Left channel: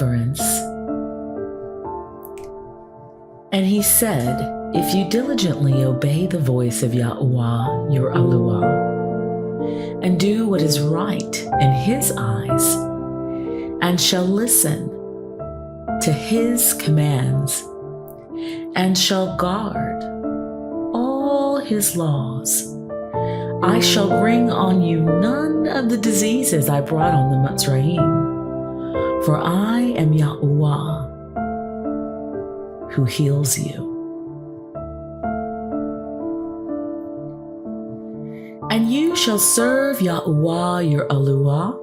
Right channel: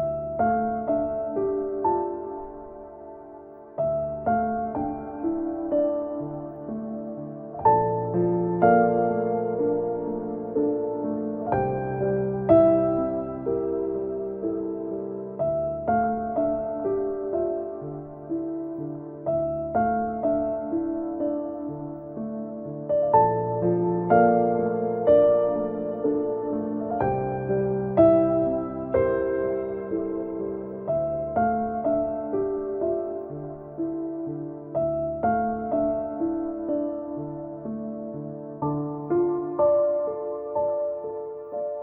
deliverance. And he said, if you diligently obey the voice of Yahuah, your Yahuah, and do what is right in his eyes, and shall listen to his commands, and shall guard all his laws, I shall bring on you none of the diseases I brought on the Mitzrayim, for I am Yahuah, who heals you. And you shall serve Yahuah your Yahuah,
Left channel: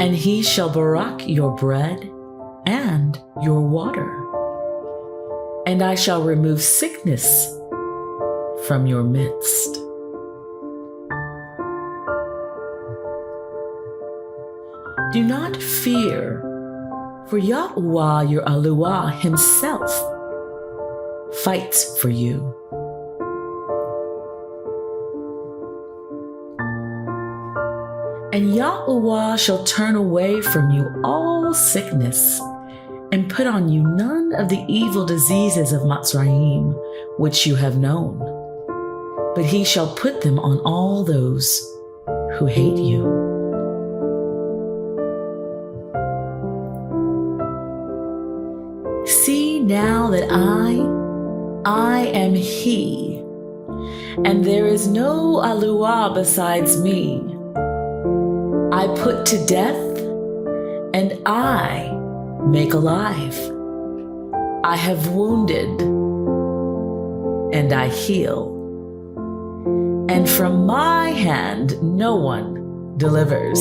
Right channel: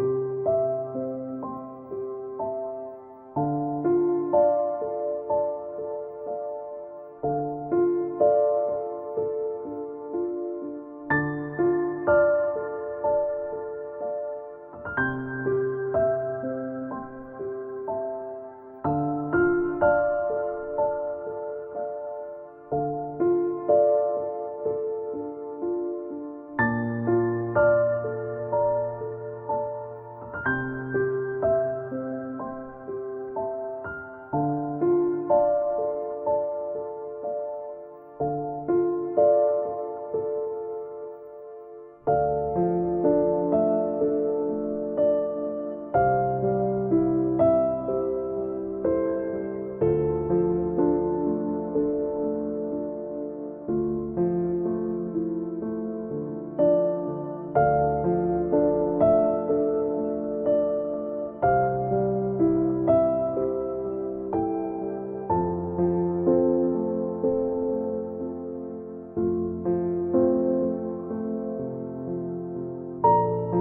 and he shall barak your bread and your water. And I shall remove sickness from your midst. Do not fear, for Yahuah your Yahuah himself fights for you. And Yahuah shall turn away from you all sickness, and put on you none of the evil diseases of Mitzrayim, which you have known. But he shall put them on all those who hate you. See now that I am he, and there is no Yahuah besides me. I put to death, and I make alive. I have wounded, and I heal. And from my hand no one delivers.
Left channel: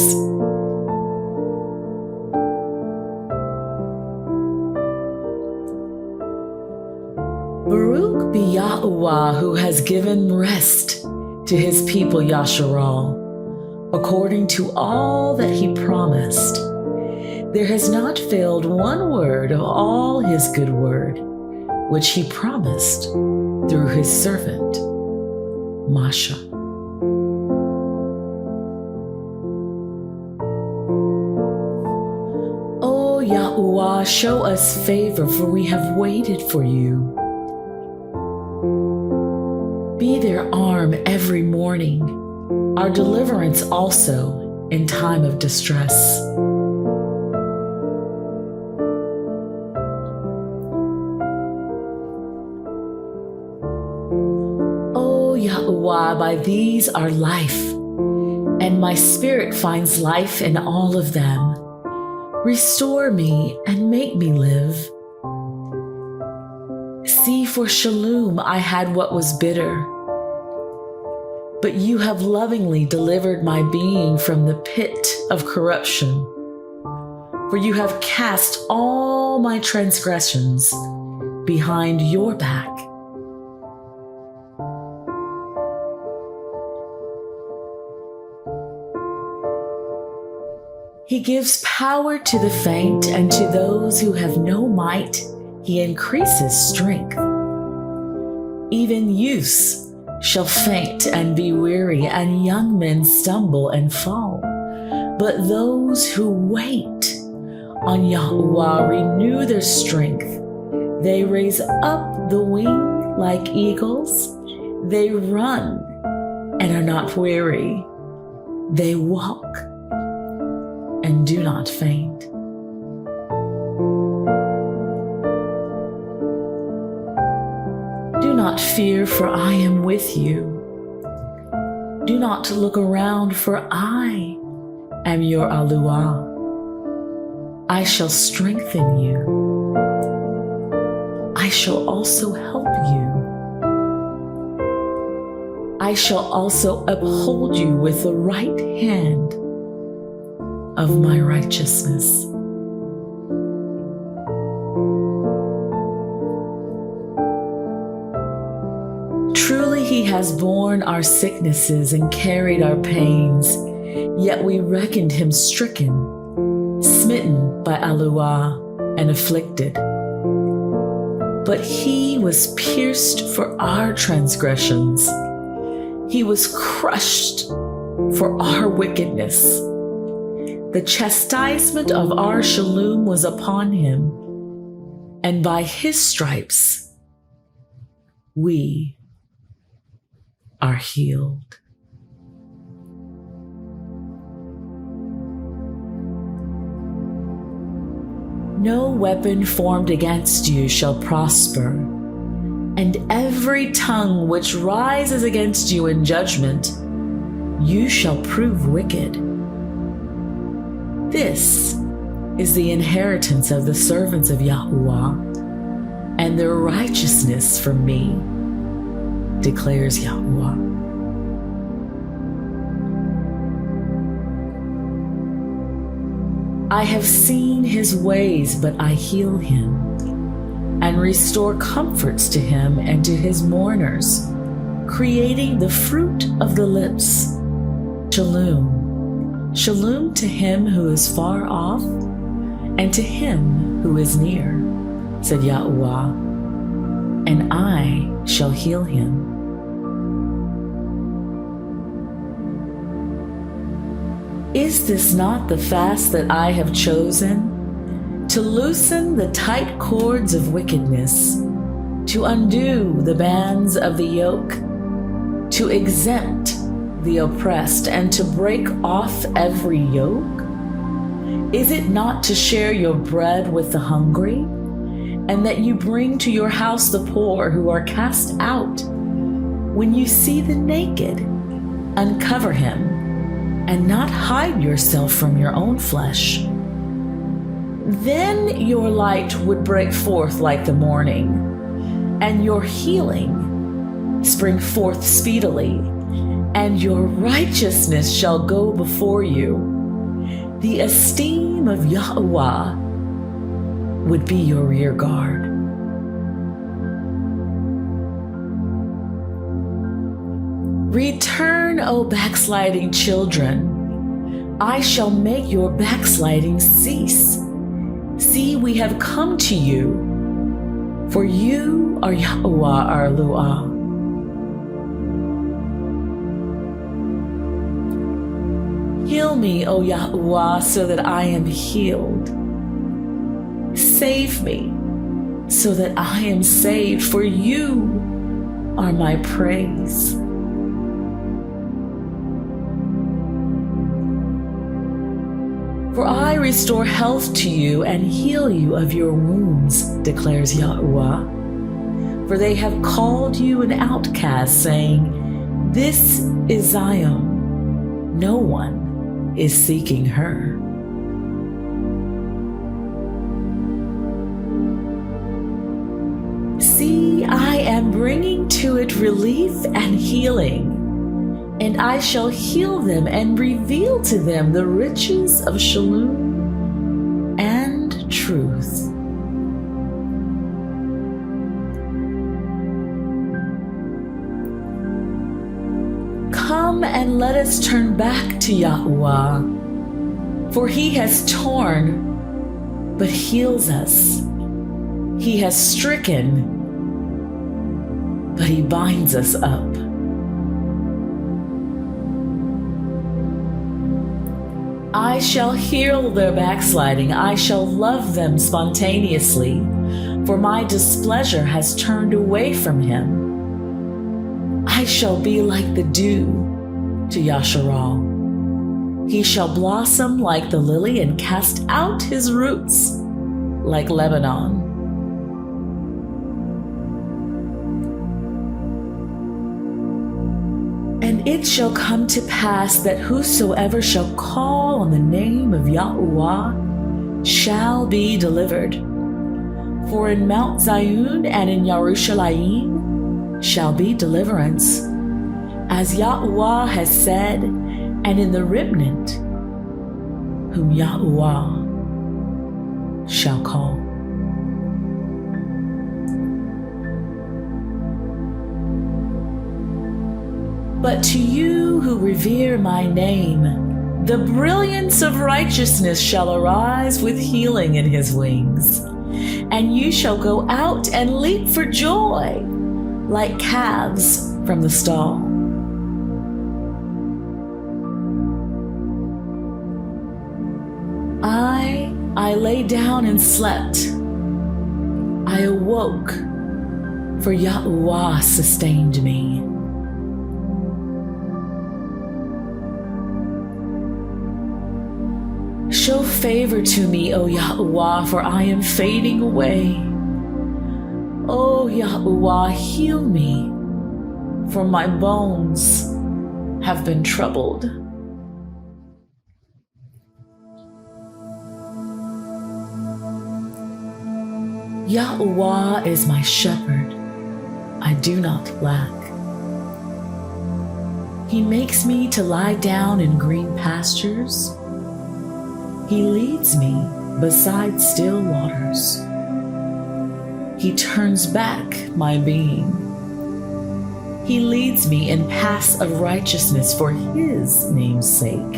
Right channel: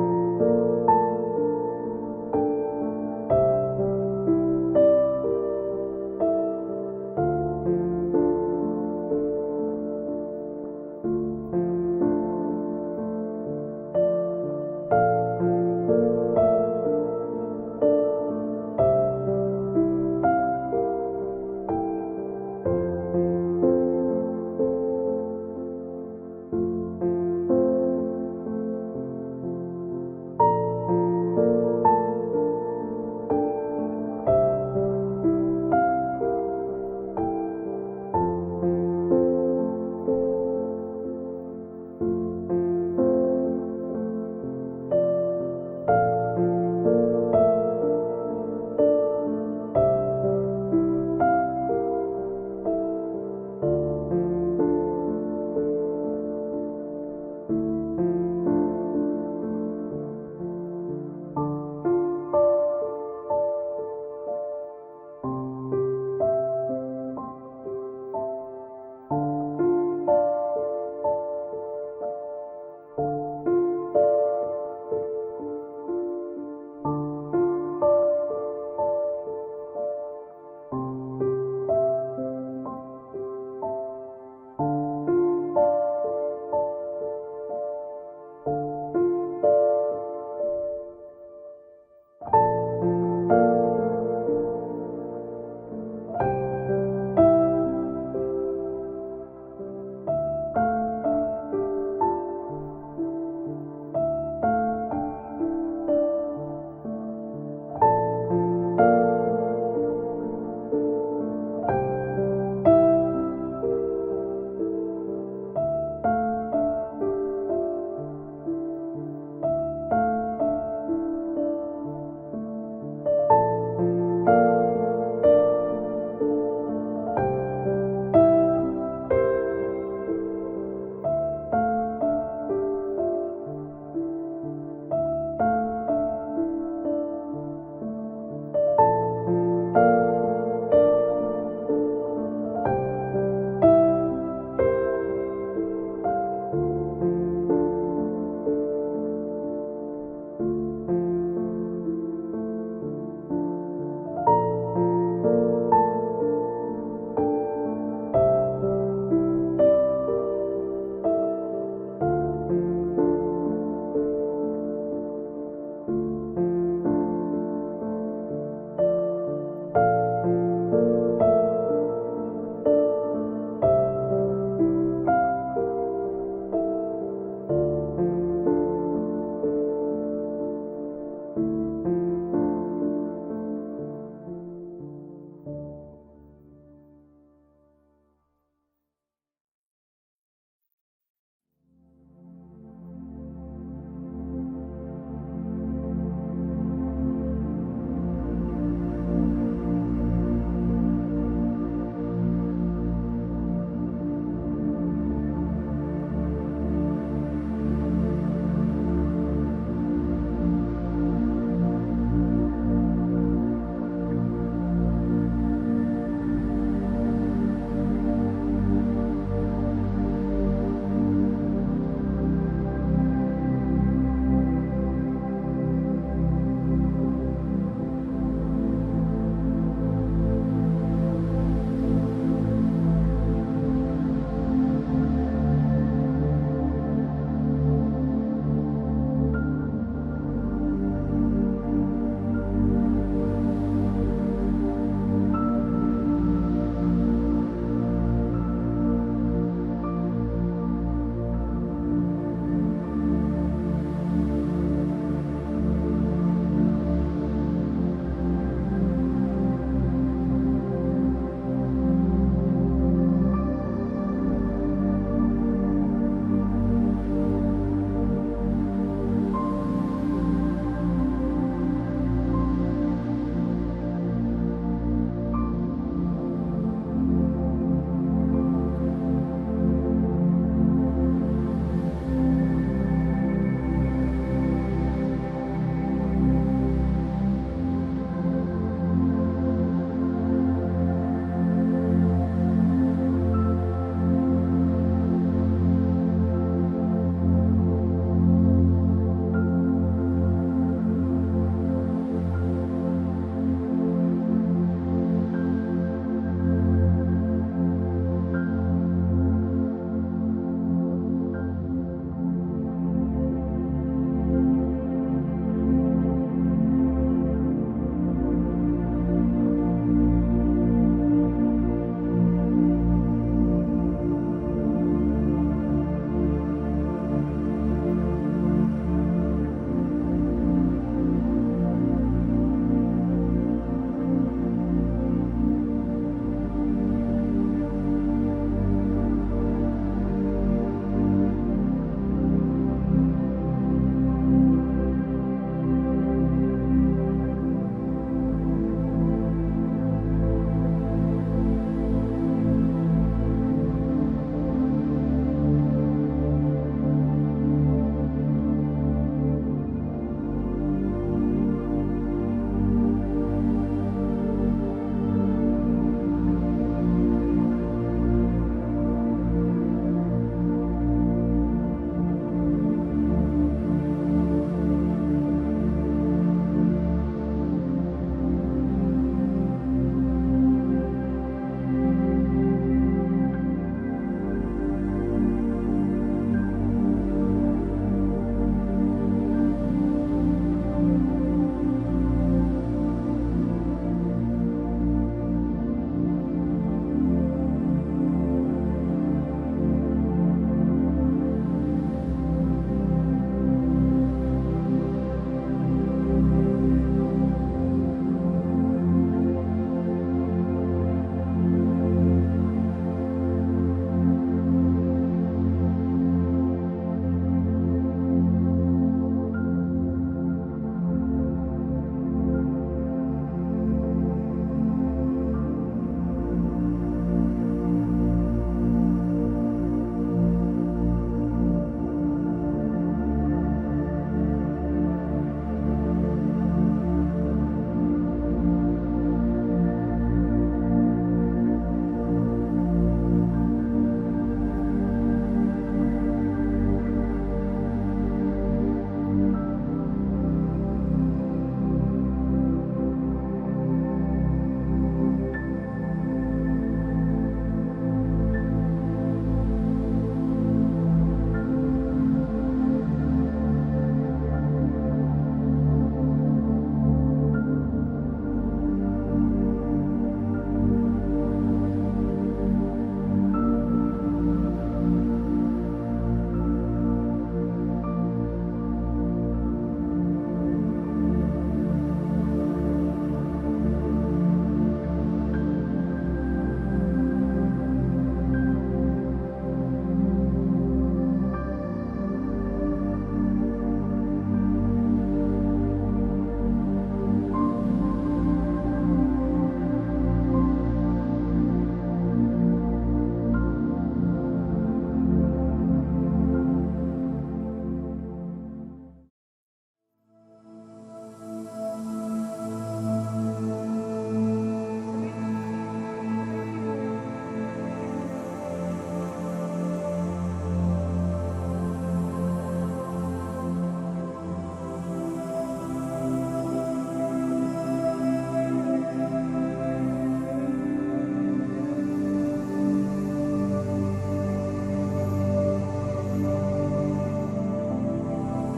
Baruch be Yahuah, who has given rest to his people Yasharal, according to all that he promised. There has not failed one word of all his good word, which he promised through his servant, Masha. O Yahuah, show us favor, for we have waited for you. Be their arm every morning, our deliverance also in time of distress. By these are life, and my spirit finds life in all of them. Restore me and make me live. See, for Shalom I had what was bitter, but you have lovingly delivered my being from the pit of corruption. For you have cast all my transgressions behind your back. He gives power to the faint, and to those who have no might, he increases strength. Even youths shall faint and be weary, and young men stumble and fall. But those who wait on Yahuah renew their strength. They raise up the wing like eagles. They run and are not weary. They walk and do not faint. Do not fear, for I am with you. Do not look around, for I am your Yahuah. I shall strengthen you. I shall also help you. I shall also uphold you with the right hand of my righteousness. Truly he has borne our sicknesses and carried our pains, yet we reckoned him stricken, smitten by Yahuah, and afflicted. But he was pierced for our transgressions. He was crushed for our wickedness. The chastisement of our shalom was upon him, and by his stripes we are healed. No weapon formed against you shall prosper, and every tongue which rises against you in judgment, you shall prove wicked. This is the inheritance of the servants of Yahuah, and their righteousness from me, declares Yahuah. I have seen his ways, but I heal him, and restore comforts to him and to his mourners, creating the fruit of the lips. Shalom. Shalom to him who is far off, and to him who is near, said Yahuah, and I shall heal him. Is this not the fast that I have chosen? To loosen the tight cords of wickedness, to undo the bands of the yoke, to exempt the oppressed, and to break off every yoke? Is it not to share your bread with the hungry, and that you bring to your house the poor who are cast out? When you see the naked, uncover him, and not hide yourself from your own flesh. Then your light would break forth like the morning, and your healing spring forth speedily, and your righteousness shall go before you. The esteem of Yahuah would be your rear guard. Return, O backsliding children. I shall make your backsliding cease. See, we have come to you, for you are Yahuah our Luah. Heal me, O Yahuah, so that I am healed. Save me, so that I am saved, for you are my praise. For I restore health to you and heal you of your wounds, declares Yahuah. For they have called you an outcast, saying, this is Zion. No one is seeking her. See, I am bringing to it relief and healing, and I shall heal them and reveal to them the riches of shalom and truth. Come and let us turn back to Yahuah, for he has torn, but heals us. He has stricken, but he binds us up. I shall heal their backsliding. I shall love them spontaneously, for my displeasure has turned away from him. I shall be like the dew to Yasharal. He shall blossom like the lily and cast out his roots like Lebanon. And it shall come to pass that whosoever shall call on the name of Yahuah shall be delivered. For in Mount Zion and in Yerushalayim shall be deliverance, as Yahuah has said, and in the remnant whom Yahuah shall call. But to you who revere my name, the brilliance of righteousness shall arise with healing in his wings, and you shall go out and leap for joy like calves from the stall. down and slept, I awoke, for Yahuah sustained me. Show favor to me, O Yahuah, for I am fading away. O Yahuah, heal me, for my bones have been troubled. Yahuah is my shepherd, I do not lack. He makes me to lie down in green pastures. He leads me beside still waters. He turns back my being. He leads me in paths of righteousness for his name's sake.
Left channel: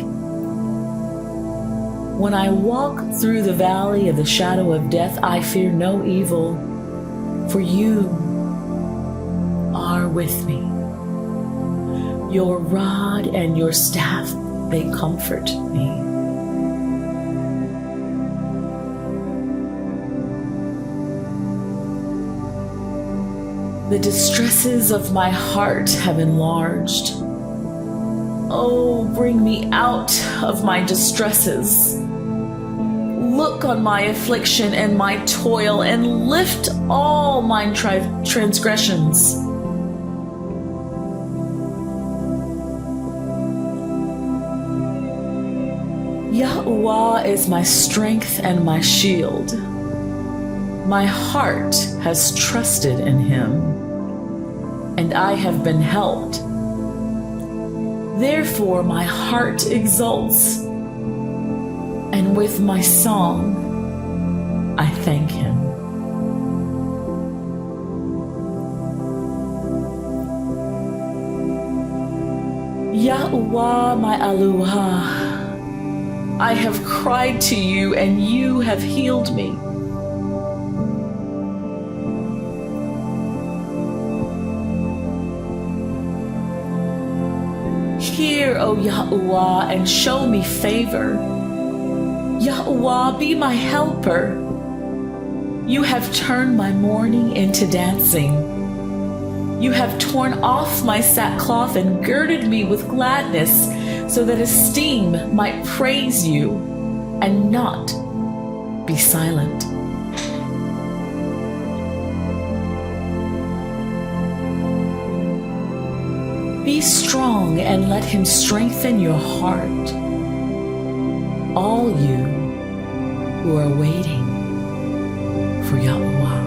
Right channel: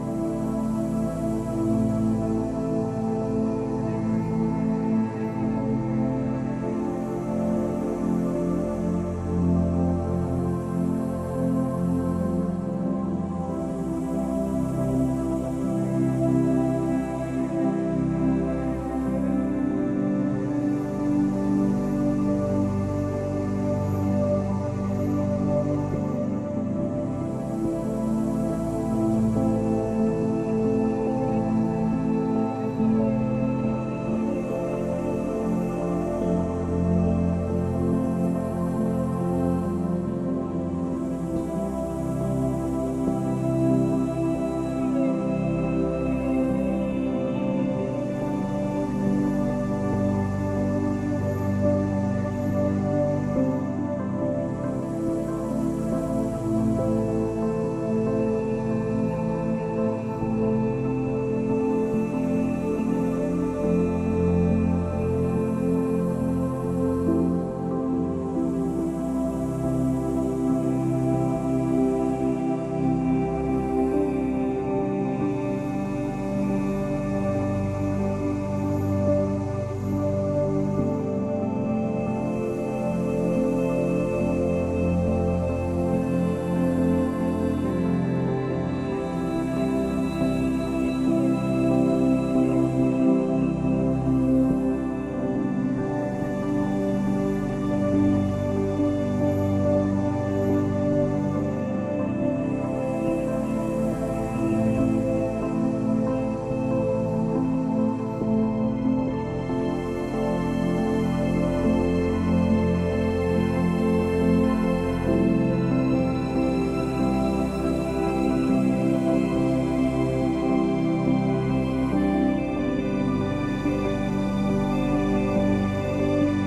When I walk through the valley of the shadow of death, I fear no evil, for you are with me. Your rod and your staff, they comfort me. The distresses of my heart have enlarged. Oh, bring me out of my distresses. Look on my affliction and my toil, and lift all my transgressions. Yahuah is my strength and my shield. My heart has trusted in him, and I have been helped. Therefore my heart exults, and with my song I thank him. Yahuah, my Elohah, I have cried to you, and you have healed me. Hear, O Yahuah, and show me favor. Yahuah, be my helper. You have turned my mourning into dancing. You have torn off my sackcloth and girded me with gladness, so that esteem might praise you and not be silent. Be strong and let him strengthen your heart, all you who are waiting for Yahuah.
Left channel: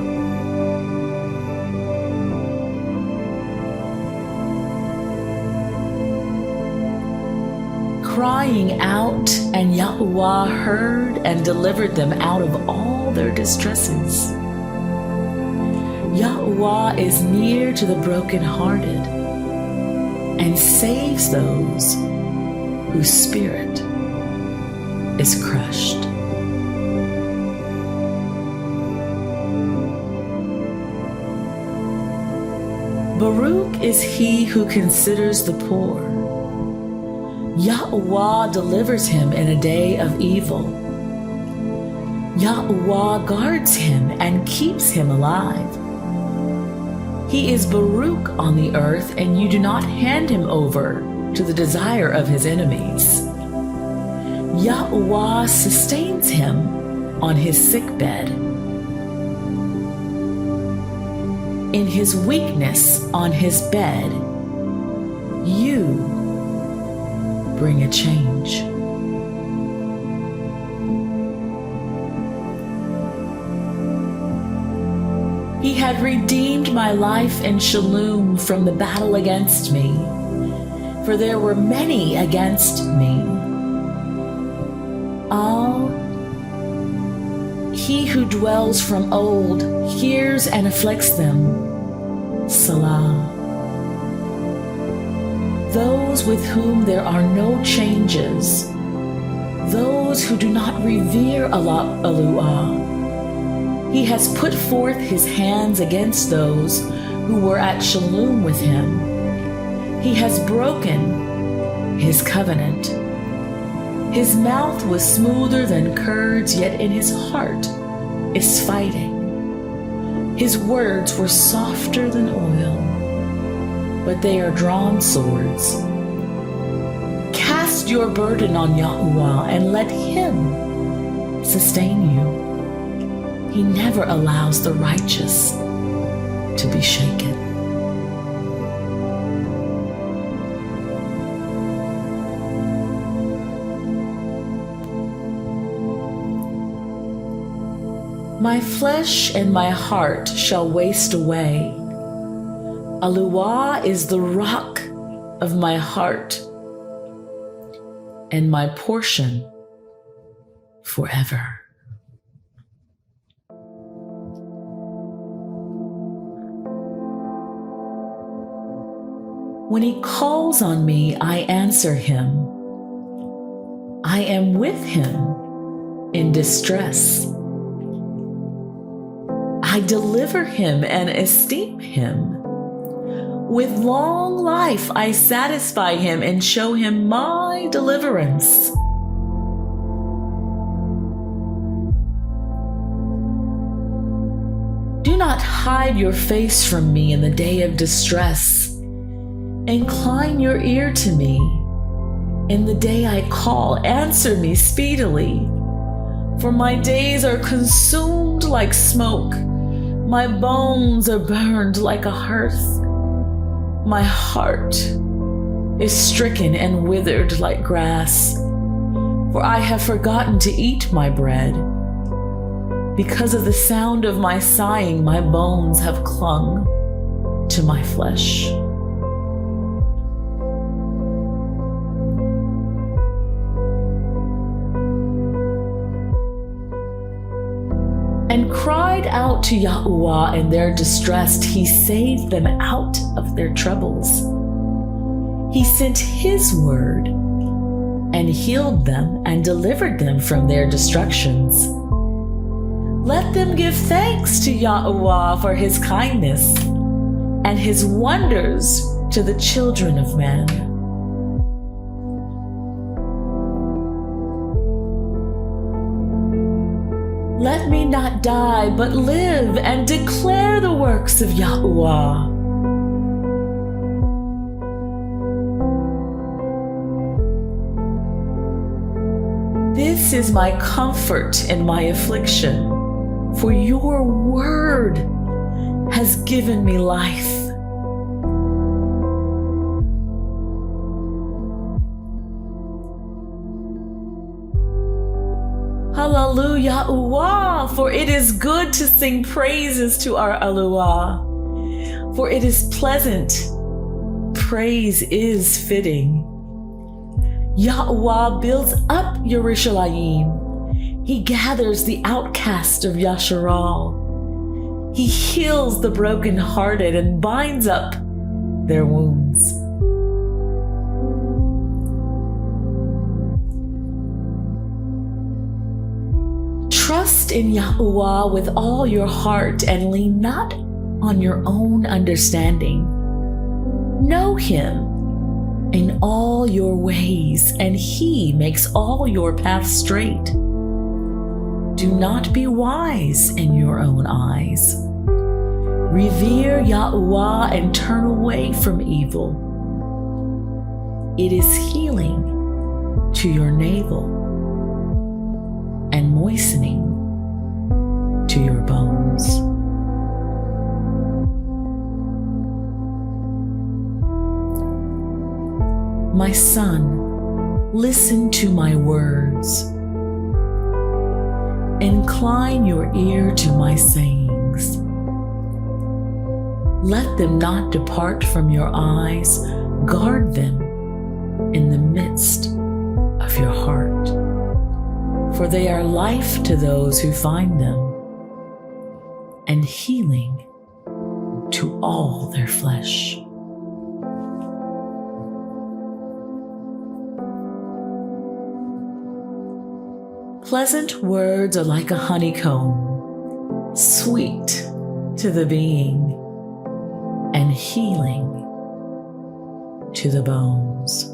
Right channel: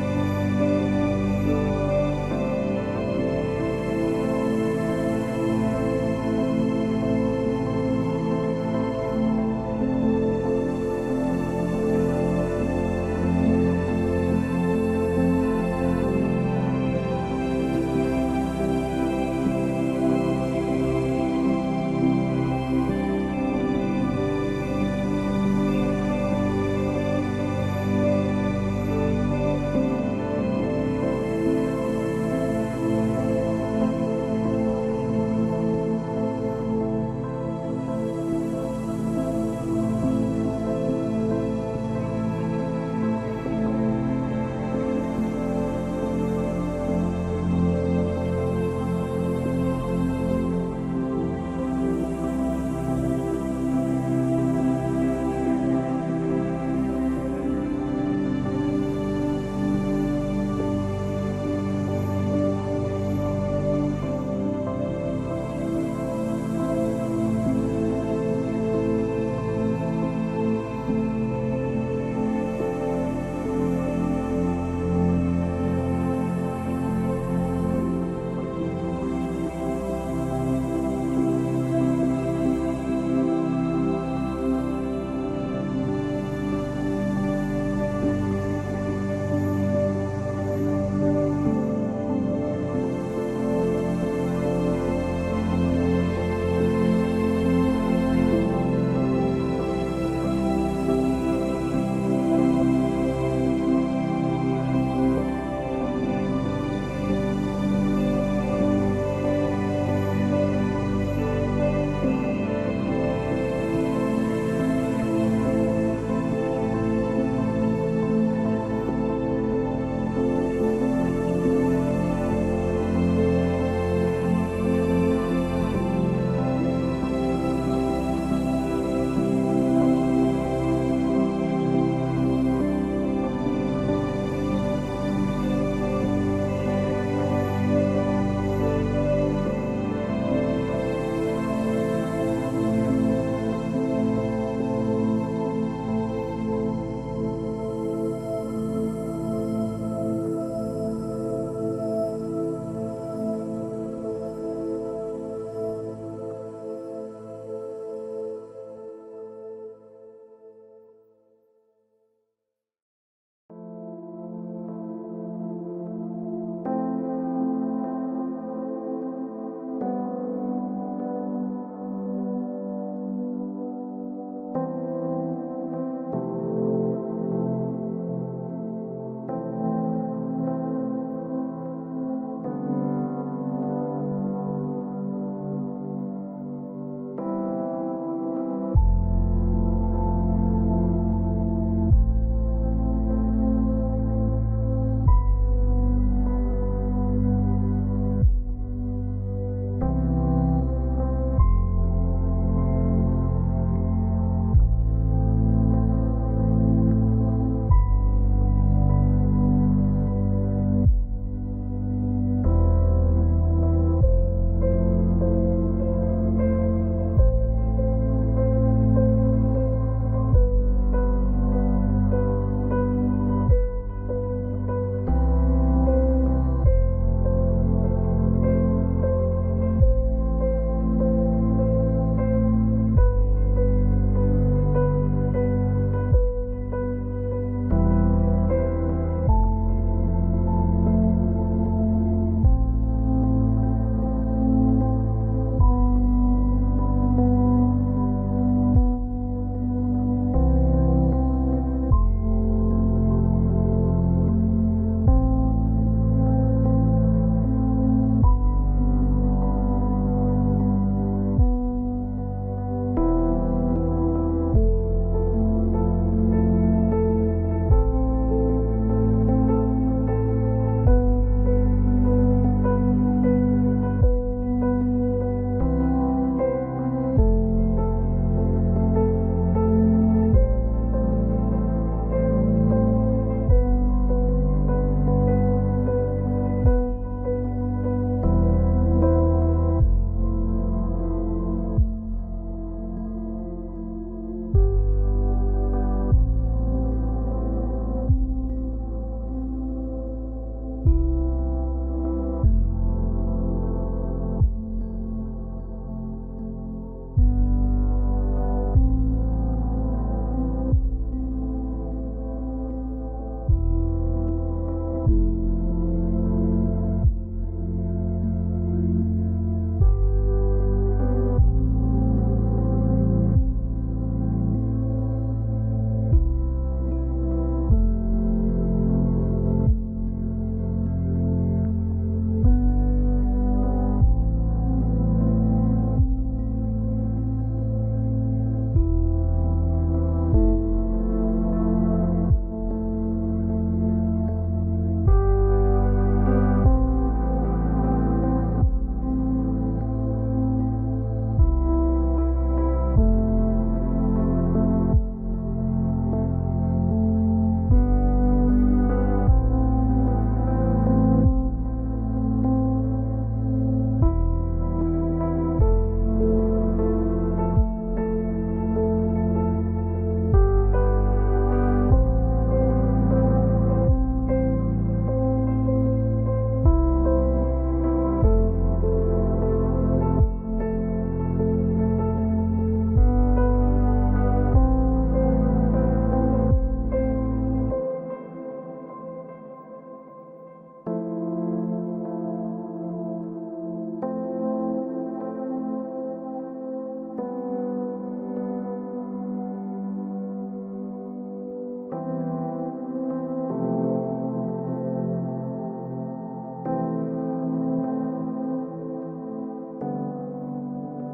Crying out, and Yahuah heard and delivered them out of all their distresses. Yahuah is near to the brokenhearted and saves those whose spirit is crushed. Baruch is he who considers the poor. Yahuah delivers him in a day of evil. Yahuah guards him and keeps him alive. He is Baruch on the earth, and you do not hand him over to the desire of his enemies. Yahuah sustains him on his sickbed. In his weakness on his bed, you bring a change. He had redeemed my life in Shalom from the battle against me, for there were many against me. He who dwells from old hears and afflicts them. Salah. Those with whom there are no changes, those who do not revere Elohah. He has put forth his hands against those who were at Shalom with him. He has broken his covenant. His mouth was smoother than curds, yet in his heart is fighting. His words were softer than oil, but they are drawn swords. Cast your burden on Yahuah and let him sustain you. He never allows the righteous to be shaken. My flesh and my heart shall waste away. Yahuah is the rock of my heart and my portion forever. When he calls on me, I answer him. I am with him in distress. I deliver him and esteem him. With long life I satisfy him and show him my deliverance. Do not hide your face from me in the day of distress. Incline your ear to me. In the day I call, answer me speedily. For my days are consumed like smoke. My bones are burned like a hearth. My heart is stricken and withered like grass, for I have forgotten to eat my bread. Because of the sound of my sighing, my bones have clung to my flesh. And cried out to Yahuah in their distress. He saved them out of their troubles. He sent his word and healed them and delivered them from their destructions. Let them give thanks to Yahuah for his kindness and his wonders to the children of man. Let me not die, but live and declare the works of Yahuah. This is my comfort in my affliction, for your word has given me life. Hallelujah, Yahuah, for it is good to sing praises to our Yahuah, for it is pleasant. Praise is fitting. Yahuah builds up Yerushalayim. He gathers the outcast of Yasharal. He heals the brokenhearted and binds up their wounds. Trust in Yahuah with all your heart and lean not on your own understanding. Know him in all your ways, and he makes all your paths straight. Do not be wise in your own eyes. Revere Yahuah and turn away from evil. It is healing to your navel and moistening to your bones. My son, listen to my words. Incline your ear to my sayings. Let them not depart from your eyes. Guard them in the midst of your heart, for they are life to those who find them, and healing to all their flesh. Pleasant words are like a honeycomb, sweet to the being, and healing to the bones.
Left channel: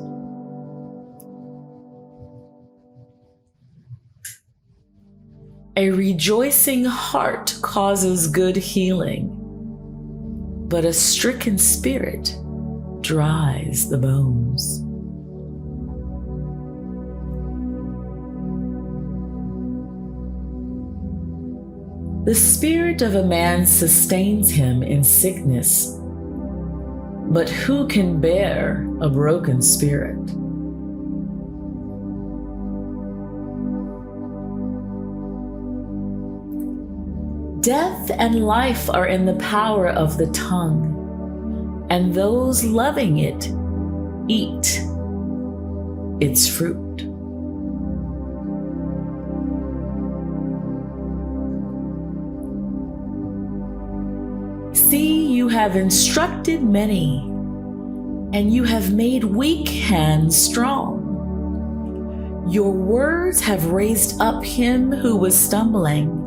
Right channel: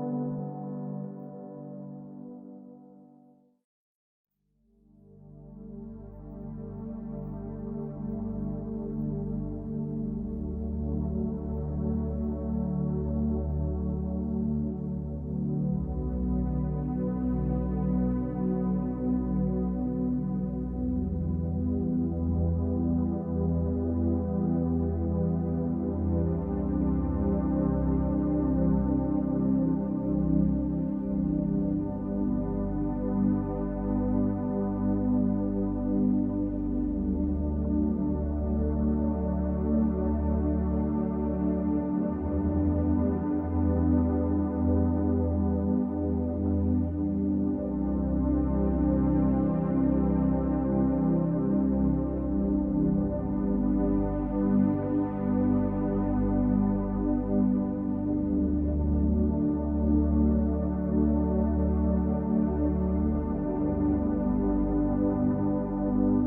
A rejoicing heart causes good healing, but a stricken spirit dries the bones. The spirit of a man sustains him in sickness, but who can bear a broken spirit? Death and life are in the power of the tongue, and those loving it eat its fruit. See, you have instructed many, and you have made weak hands strong. Your words have raised up him who was stumbling,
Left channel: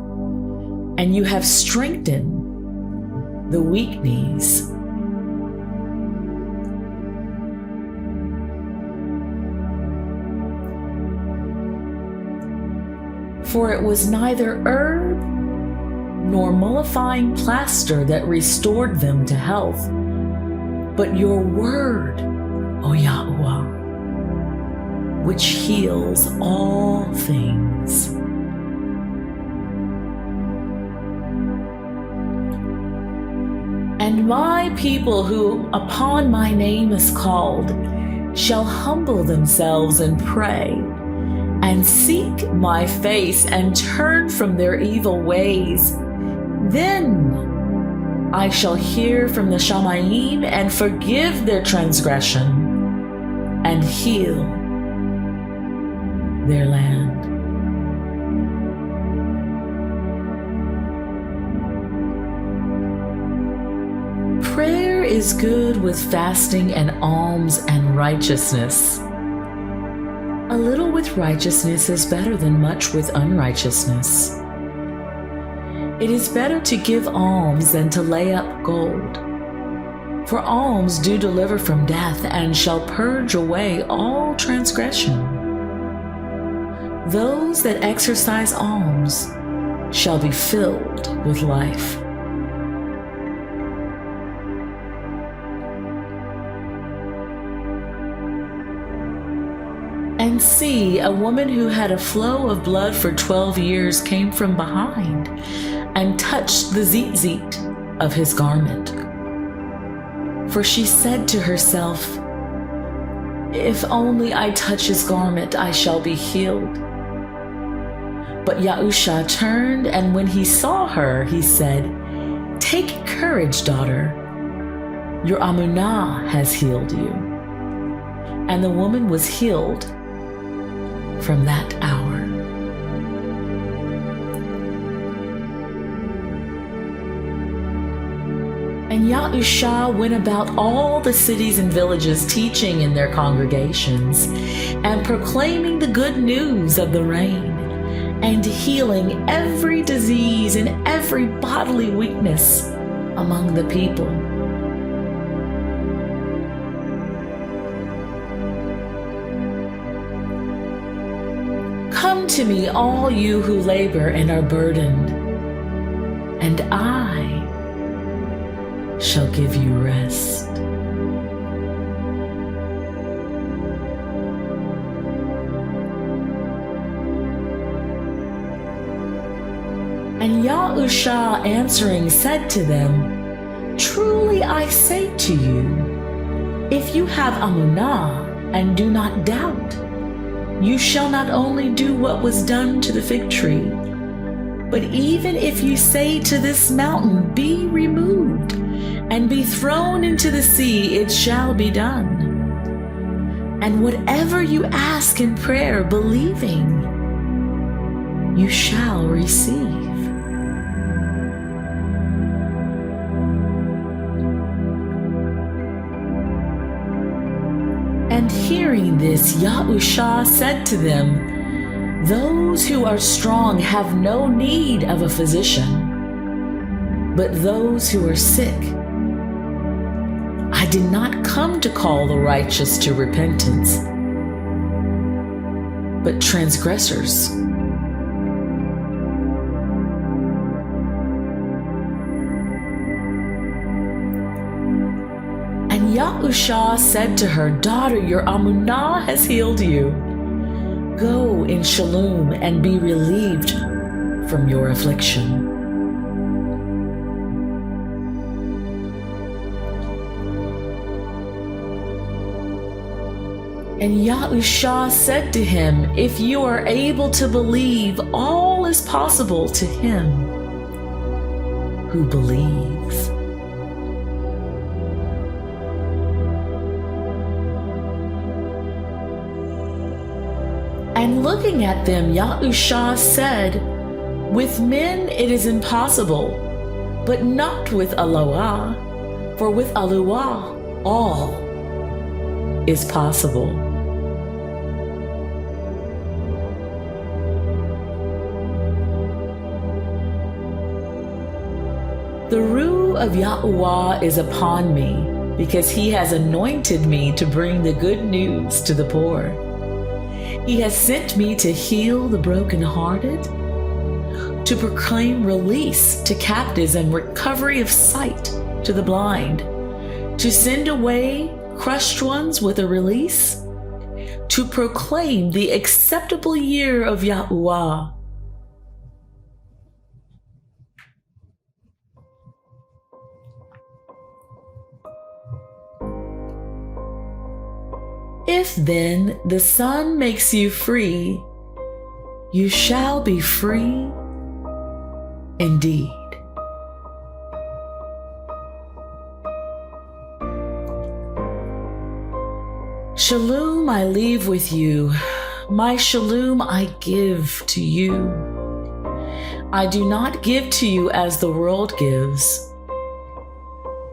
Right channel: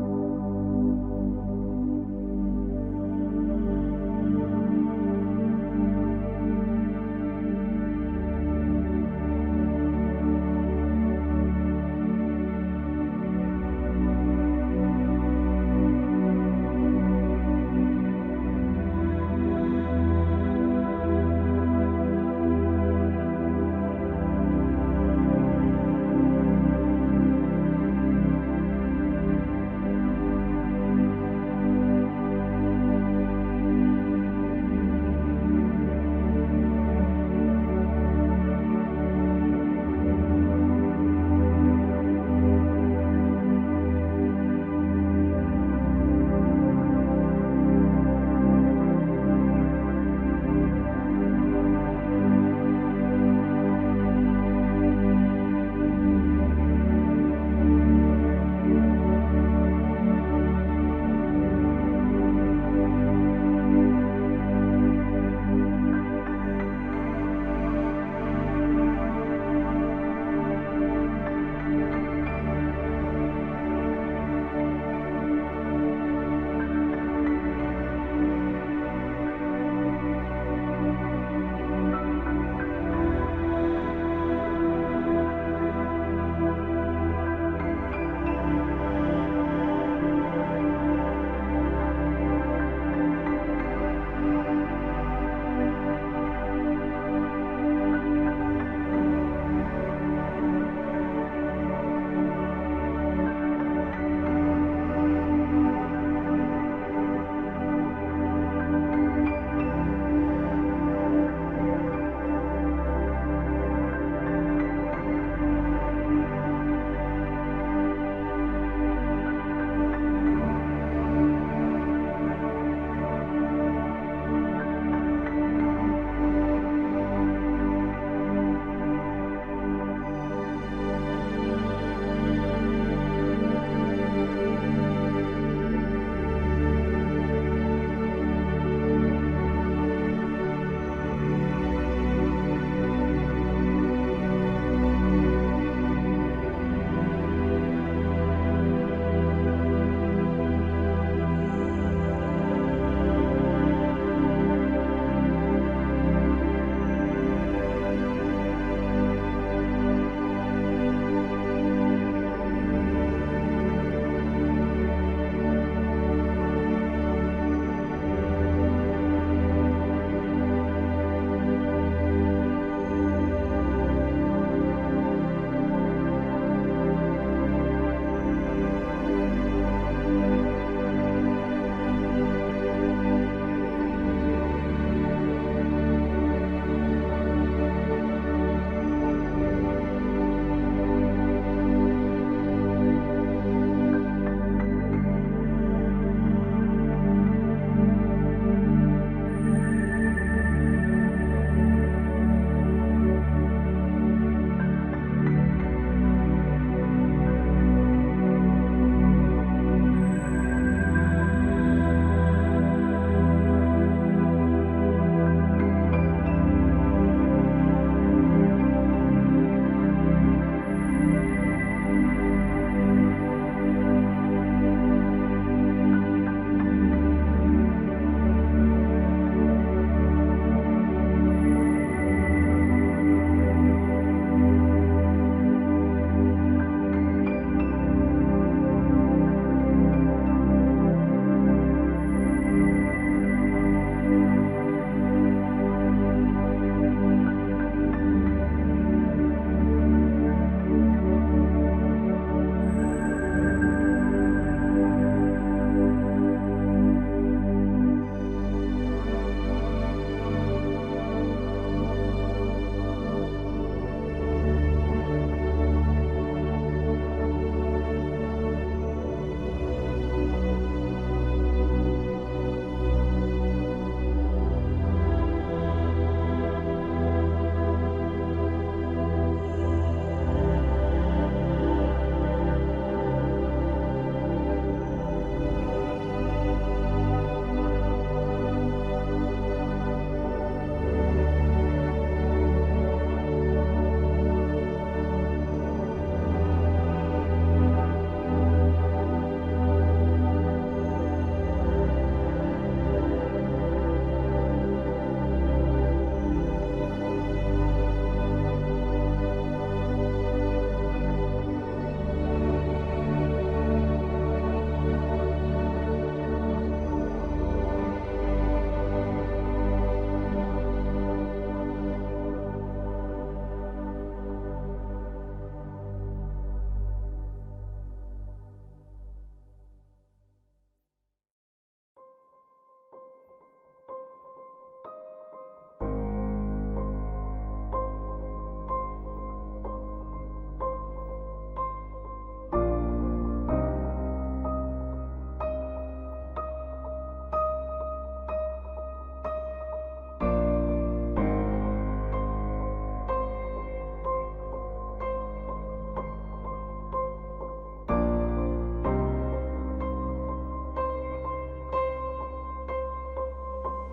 and you have strengthened the weak knees. For it was neither herb nor mollifying plaster that restored them to health, but your word, O Yahuah, which heals all things. And my people who upon my name is called shall humble themselves and pray, and seek my face and turn from their evil ways. Then I shall hear from the Shamayim and forgive their transgression and heal their land. Prayer is good with fasting and alms and righteousness. A little with righteousness is better than much with unrighteousness. It is better to give alms than to lay up gold. For alms do deliver from death and shall purge away all transgression. Those that exercise alms shall be filled with life. And see, a woman who had a flow of blood for 12 years came from behind and touched the tzitzit of his garment. For she said to herself, "If only I touch his garment, I shall be healed." But Yahusha turned, and when he saw her, he said, "Take courage, daughter. Your amunah has healed you." And the woman was healed from that hour. And Yahusha went about all the cities and villages, teaching in their congregations, and proclaiming the good news of the reign, and healing every disease and every bodily weakness among the people. Come to me, all you who labor and are burdened, and I shall give you rest. And Yahusha answering said to them, "Truly I say to you, if you have amunah and do not doubt, you shall not only do what was done to the fig tree, but even if you say to this mountain, 'Be removed and be thrown into the sea,' it shall be done. And whatever you ask in prayer, believing, you shall receive." And hearing this, Yahusha said to them, "Those who are strong have no need of a physician, but those who are sick. I did not come to call the righteous to repentance, but transgressors Yahusha said to her, "Daughter, your Amunah has healed you. Go in shalom and be relieved from your affliction." And Yahusha said to him, "If you are able to believe, all is possible to him who believes." And looking at them, Yahusha said, "With men it is impossible, but not with Yahuah, for with Yahuah all is possible." The Ruh of Yahuah is upon me, because he has anointed me to bring the good news to the poor. He has sent me to heal the brokenhearted, to proclaim release to captives and recovery of sight to the blind, to send away crushed ones with a release, to proclaim the acceptable year of Yahuah. If then the Son makes you free, you shall be free indeed. Shalom I leave with you, my shalom I give to you. I do not give to you as the world gives.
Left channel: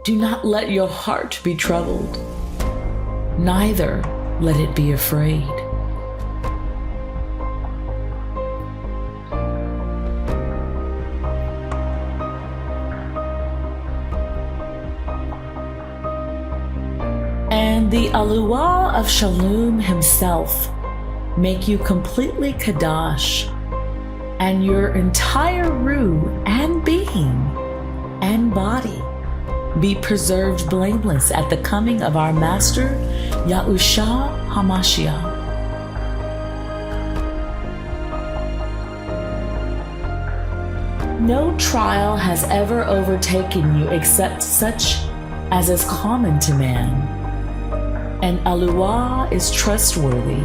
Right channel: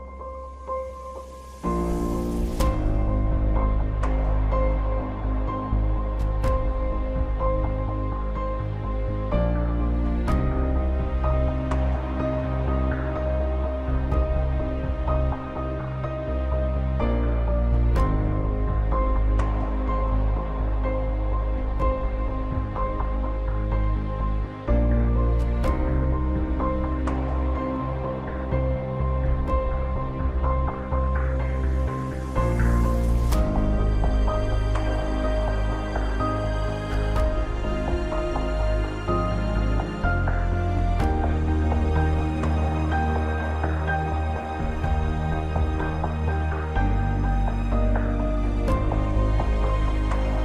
Do not let your heart be troubled, neither let it be afraid. And the Yahuah of Shalom himself make you completely Kadash, and your entire Ruh and being and body be preserved blameless at the coming of our Master, Yahushua HaMashiach. No trial has ever overtaken you except such as is common to man, and Yahuah is trustworthy,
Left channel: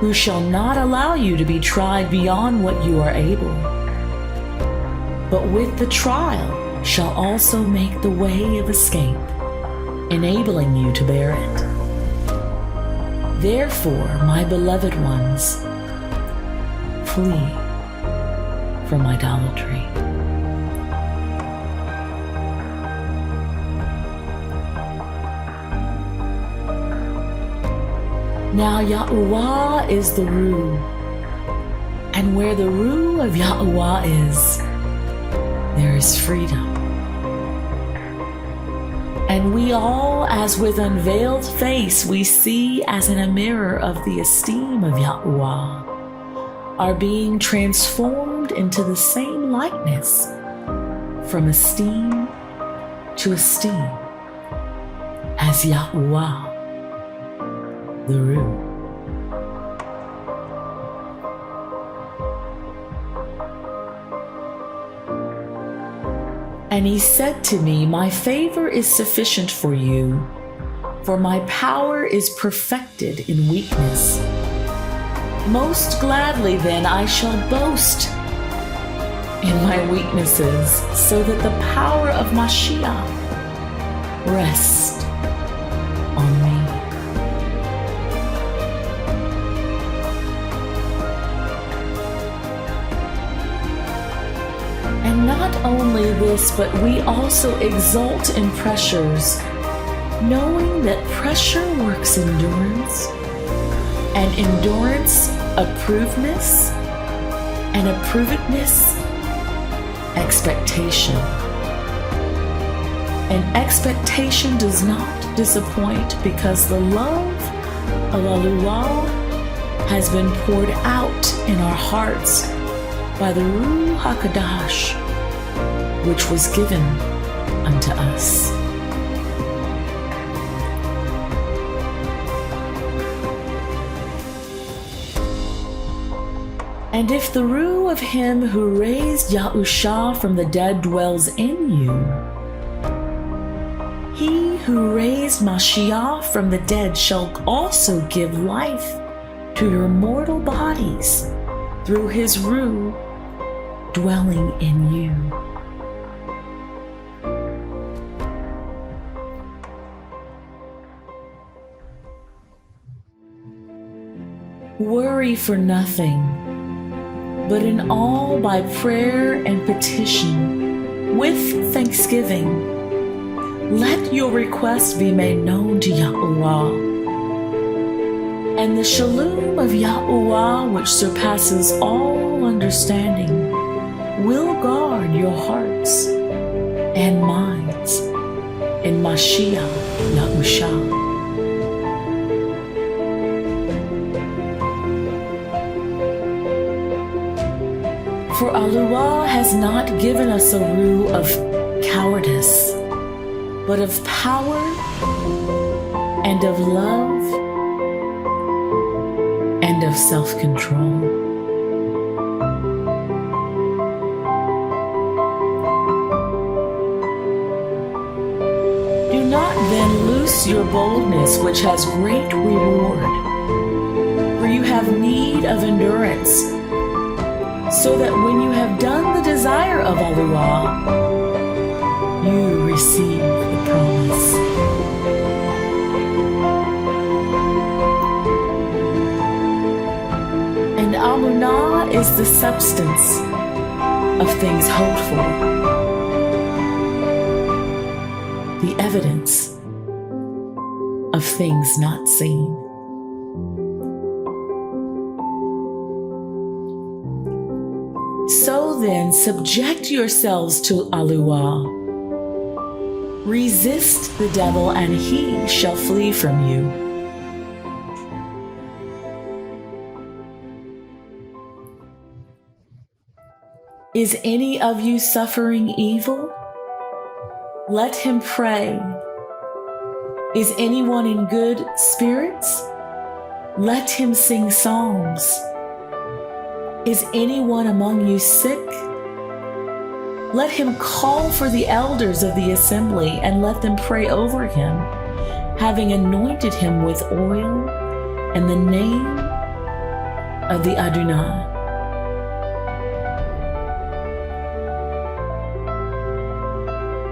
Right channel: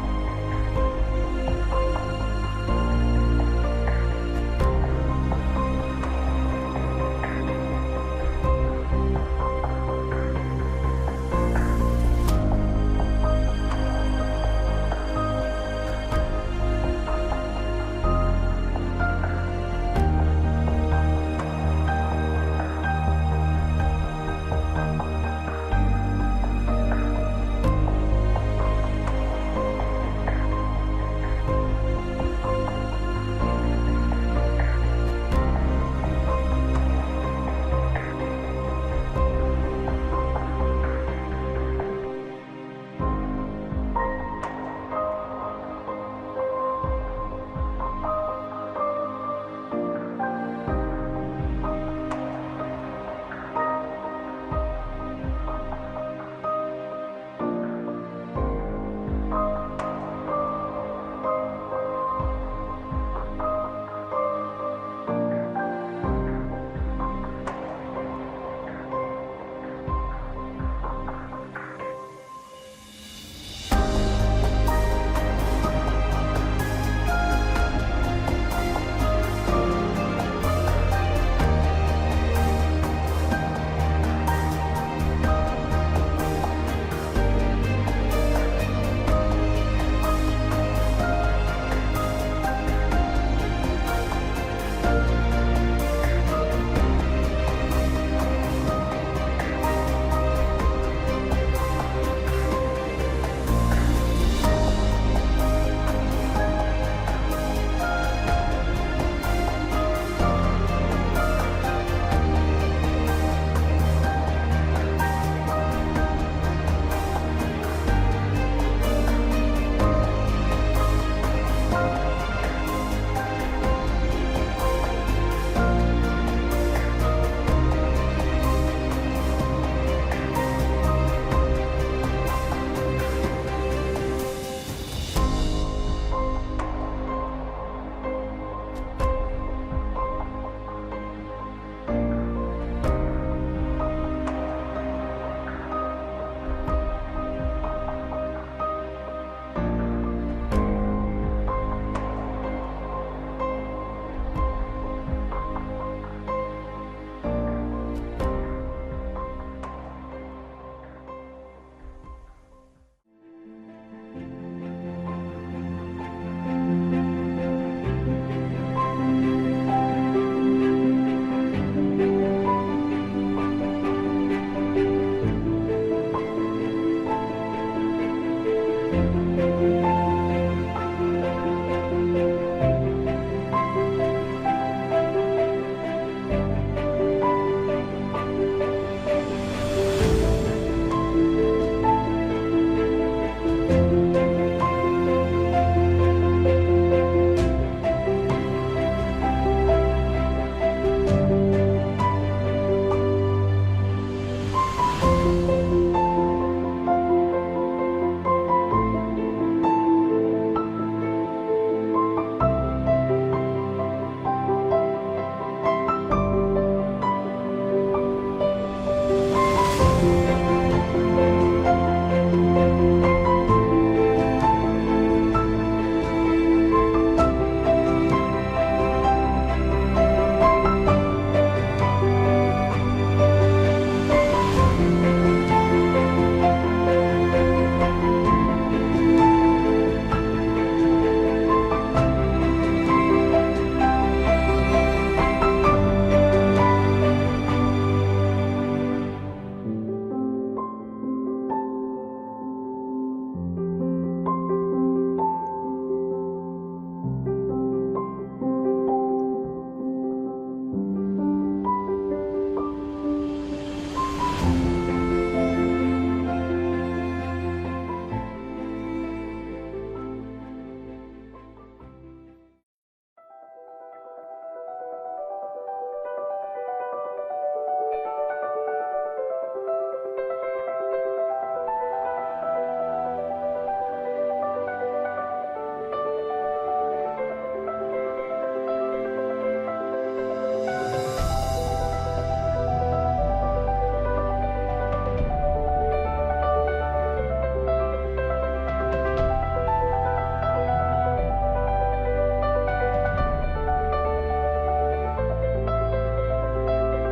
who shall not allow you to be tried beyond what you are able, but with the trial shall also make the way of escape, enabling you to bear it. Therefore, my beloved ones, flee from idolatry. Now Yahuah is the Ruh, and where the Ruh of Yahuah is, there is freedom. And we all, as with unveiled face we see as in a mirror of the esteem of Yahuah, are being transformed into the same likeness, from esteem to esteem, as Yahuah, the Ruh. And he said to me, "My favor is sufficient for you, for my power is perfected in weakness. Most gladly then I shall boast in my weaknesses, so that the power of Mashiach rests on me." And not only this, but we also exult in pressures, knowing that pressure works endurance, and endurance approvedness, and approvedness expectation. And expectation does not disappoint, because the love of Yahuah has been poured out in our hearts by the Ruh HaKadosh, which was given unto us. And if the rule of him who raised Yahusha from the dead dwells in you, he who raised Mashiach from the dead shall also give life to your mortal bodies through his rule dwelling in you. Worry for nothing, but in all by prayer and petition, with thanksgiving, let your requests be made known to Yahuah. And the shalom of Yahuah, which surpasses all understanding, will guard your hearts and minds in Mashiach Yahusha. For Yahuah has not given us a rule of cowardice, but of power and of love and of self-control. Do not then loose your boldness, which has great reward, for you have need of endurance, so that when you have done the desire of Yahuah, you receive the promise. And Amunah is the substance of things hoped for, the evidence of things not seen. So then, subject yourselves to Yahuah. Resist the devil, and he shall flee from you. Is any of you suffering evil? Let him pray. Is anyone in good spirits? Let him sing psalms. Is anyone among you sick? Let him call for the elders of the assembly and let them pray over him, having anointed him with oil in the name of the Adonai.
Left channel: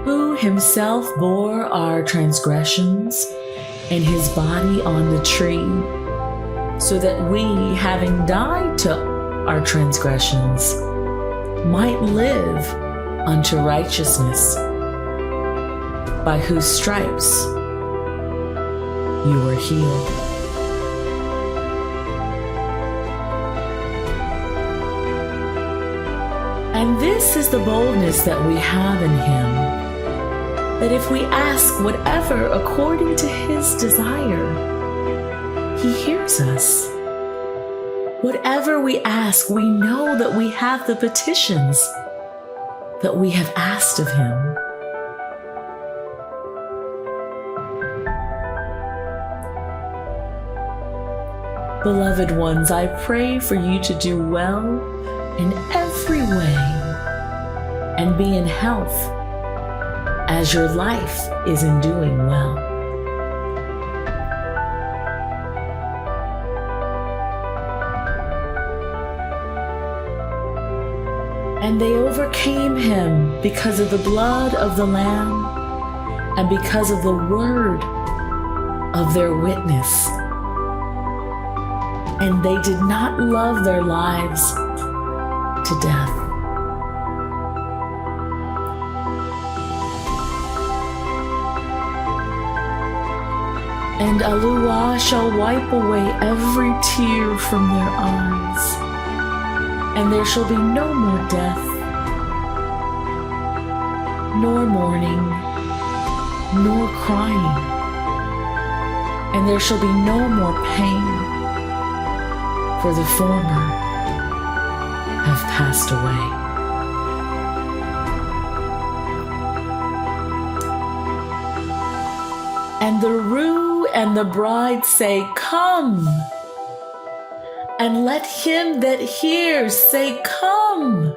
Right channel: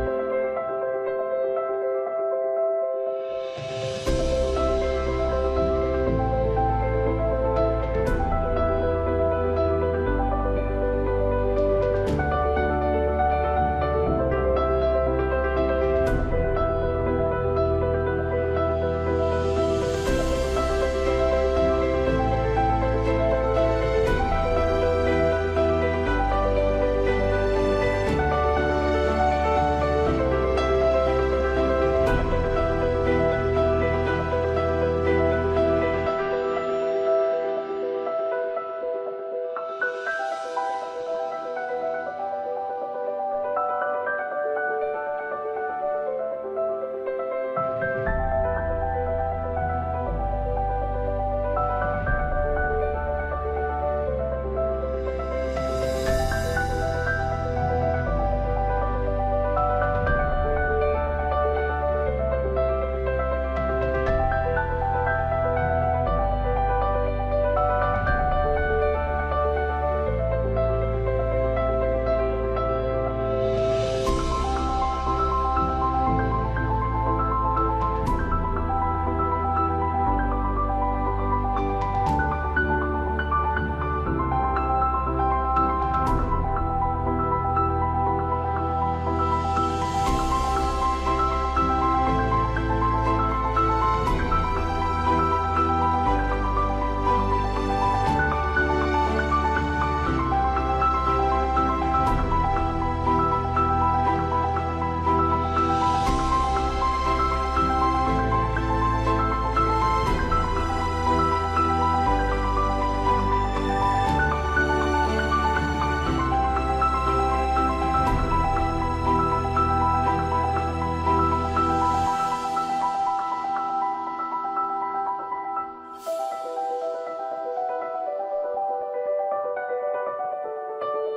Who himself bore our transgressions in his body on the tree, so that we, having died to our transgressions, might live unto righteousness, by whose stripes you are healed. And this is the boldness that we have in him, that if we ask whatever according to his desire, he hears us. Whatever we ask, we know that we have the petitions that we have asked of him. Beloved ones, I pray for you to do well in every way and be in health as your life is in doing well. And they overcame him because of the blood of the Lamb and because of the word of their witness. And they did not love their lives to death. And Yahuah shall wipe away every tear from their eyes, and there shall be no more death, nor mourning, nor crying, and there shall be no more pain, for the former have passed away. And the roux and the bride say, "Come." And let him that hears say, Come.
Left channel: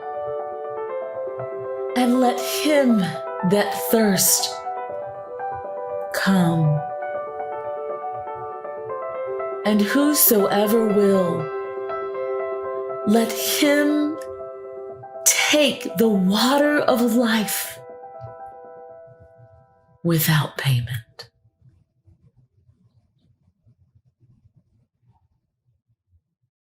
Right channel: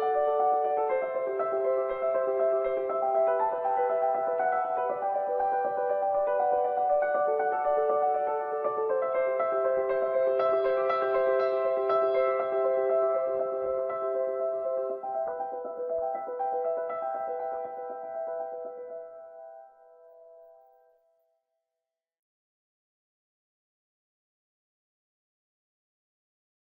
And let him that thirst come. And whosoever will, let him take the water of life without payment.